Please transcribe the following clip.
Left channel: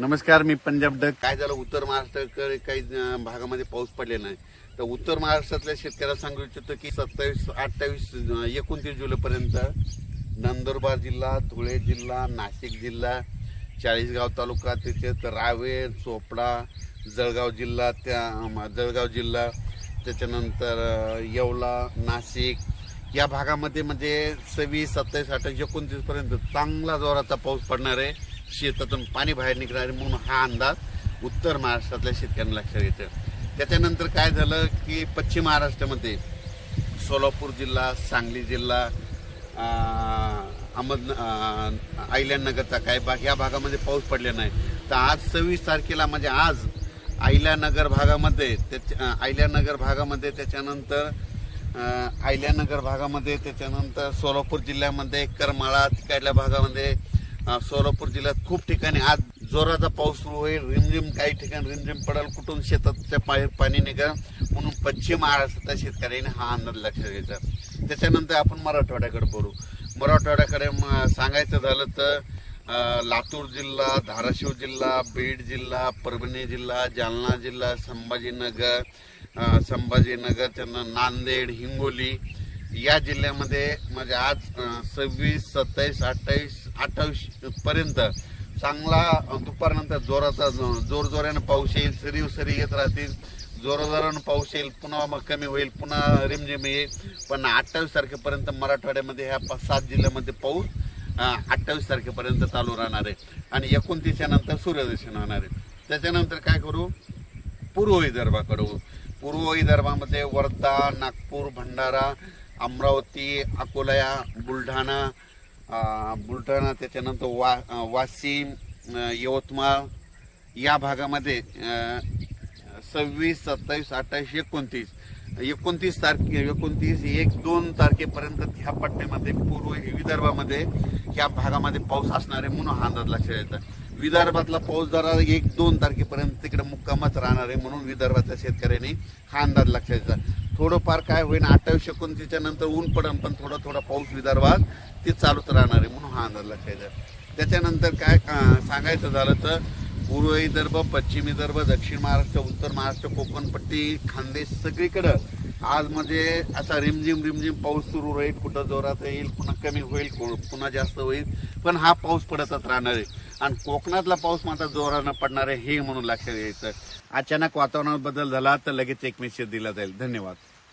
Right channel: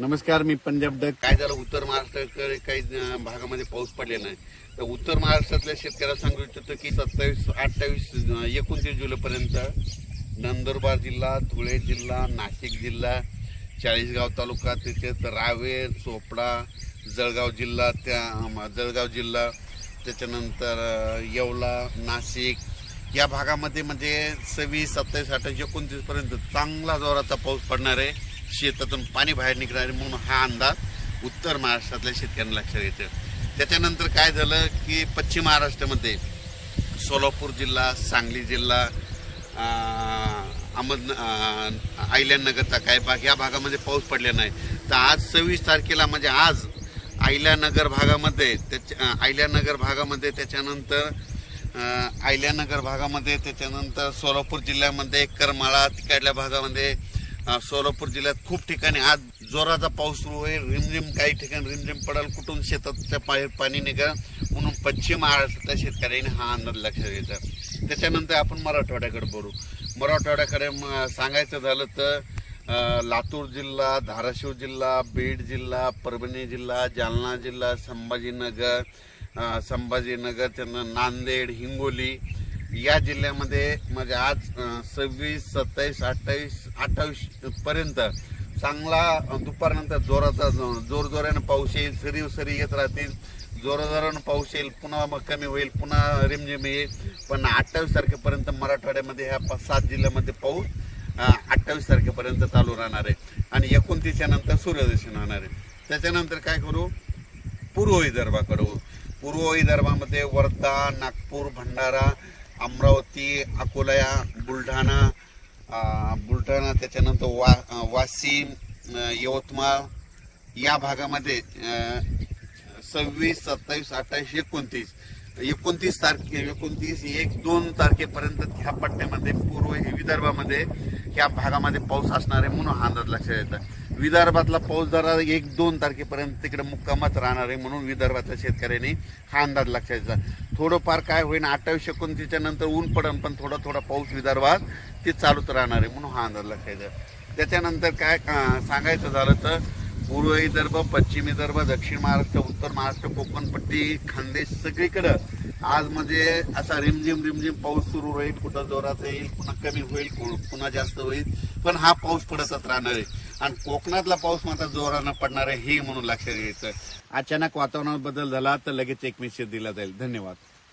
नमस्कार, मी पंजाब डक. काय झालं, उत्तर महाराष्ट्राकडे काही भागामध्ये पाऊस पडलेला नाही. तर उत्तर महाराष्ट्रातल्या शेतकऱ्याला सांगू इच्छितो की 27, 28, 29 जुलैपर्यंत नंदुरबार जिल्हा, धुळे जिल्हा, नाशिक जिल्हा, चाळीसगाव तालुका, त्याच्यात रावेर, चोपडा, जळगाव जिल्हा, त्याच्यानंतर येवला, नाशिक या भागामध्ये म्हणजे 26, 27, 28, 29 पर्यंत चांगला जोराचा पाऊस पडणार आहे. शेतातून पाणी बाहेर निघणार आहे म्हणून हा अंदाज उत्तर महाराष्ट्रातल्या शेतकऱ्यांना लक्षात येतो. त्याच्यानंतर काय झालं की पश्चिम महाराष्ट्रामध्ये सोलापूर जिल्हा, सांगली जिल्हा, अहिल्यानगरचा काय भाग या भागामध्ये पाऊस पडलेला नाही. तर आज 26 तारखेला म्हणजे आज अहिल्यानगर भागामध्ये त्याच्यानंतर सोलापूर जिल्ह्यामध्ये करमाळा तिकडल्या भागामध्ये सोलापूर जिल्ह्यात खूप ठिकाणी आज जोराचा पाऊस सुरू होईल. रिमझिम काही ठिकाणी रिमझिम पडेल, कुठून शेताच्या बाहेर पाणी निघा म्हणून पश्चिम महाराष्ट्रातल्या शेतकऱ्यांनी हा अंदाज लक्षात घ्यायचा. त्याच्यानंतर आपण मराठवाड्याकडे बोलू. मराठवाड्याकडे सांगायचं झालं तर लातूर जिल्हा, धाराशिव जिल्हा, बीड जिल्हा, परभणी जिल्हा, जालना जिल्हा, संभाजीनगर, त्यांना नांदेड, हिंगोली या जिल्ह्यामध्ये म्हणजे आज 26, 27, 28 पर्यंत चांगला दुपारनंतर जोरानं पाऊस येईल. सरी येत राहतील, जोरानं पाऊस येईल, पुन्हा मग कमी होईल, पुन्हा रिमझिम येईल. पण 28 तारखेपर्यंत मराठवाड्यामध्ये ह्या 5-7 जिल्ह्यामध्ये पाऊस 28 तारखेपर्यंत चालू राहणार आहे आणि 29 नंतर सूर्यदर्शन होणार आहे. त्याच्यानंतर काय करू, पूर्व विदर्भाकडे. पूर्व विदर्भामध्ये वर्धा, नागपूर, भंडारा, अमरावती, अकोला, बुलढाणा, त्याच्यानंतर वाशिम, यवतमाळ या भागामध्ये 26, 27, 28, 29 तारखे 1-2 तारखेपर्यंत ह्या पट्ट्यामध्ये पूर्व विदर्भामध्ये ह्या भागामध्ये पाऊस असणार आहे म्हणून हा अंदाज लक्षात येतं. विदर्भातला पाऊस जरा 1-2 तारखेपर्यंत तिकडे मुक्कामच राहणार आहे म्हणून विदर्भातल्या शेतकऱ्यांनी हा अंदाज लक्षात येतो. थोडंफार काय होईल 28-29 नंतर ऊन पडेल, पण थोडा पाऊस विदर्भात ते चालूच राहणार आहे म्हणून हा अंदाज लक्षात येतो. त्याच्यानंतर काय सांगायचं झालं तर पूर्व विदर्भ, पश्चिम विदर्भ, दक्षिण महाराष्ट्र, उत्तर महाराष्ट्र, कोकणपट्टी, खानदेश सगळीकडं आज म्हणजे असा रिमझिम पाऊस सुरू होईल. कुठं जोरात येईल, पुन्हा कमी होईल, पुन्हा जास्त होईल, पण हा पाऊस पडतच राहणार आहे. आणि कोकणातला पाऊस मात्र जोरानं पडणार आहे हे म्हणून लक्षात घ्यायचं. अचानक वातावरणात बदल झाला तर लगेच एक मेसेज दिला जाईल. धन्यवाद.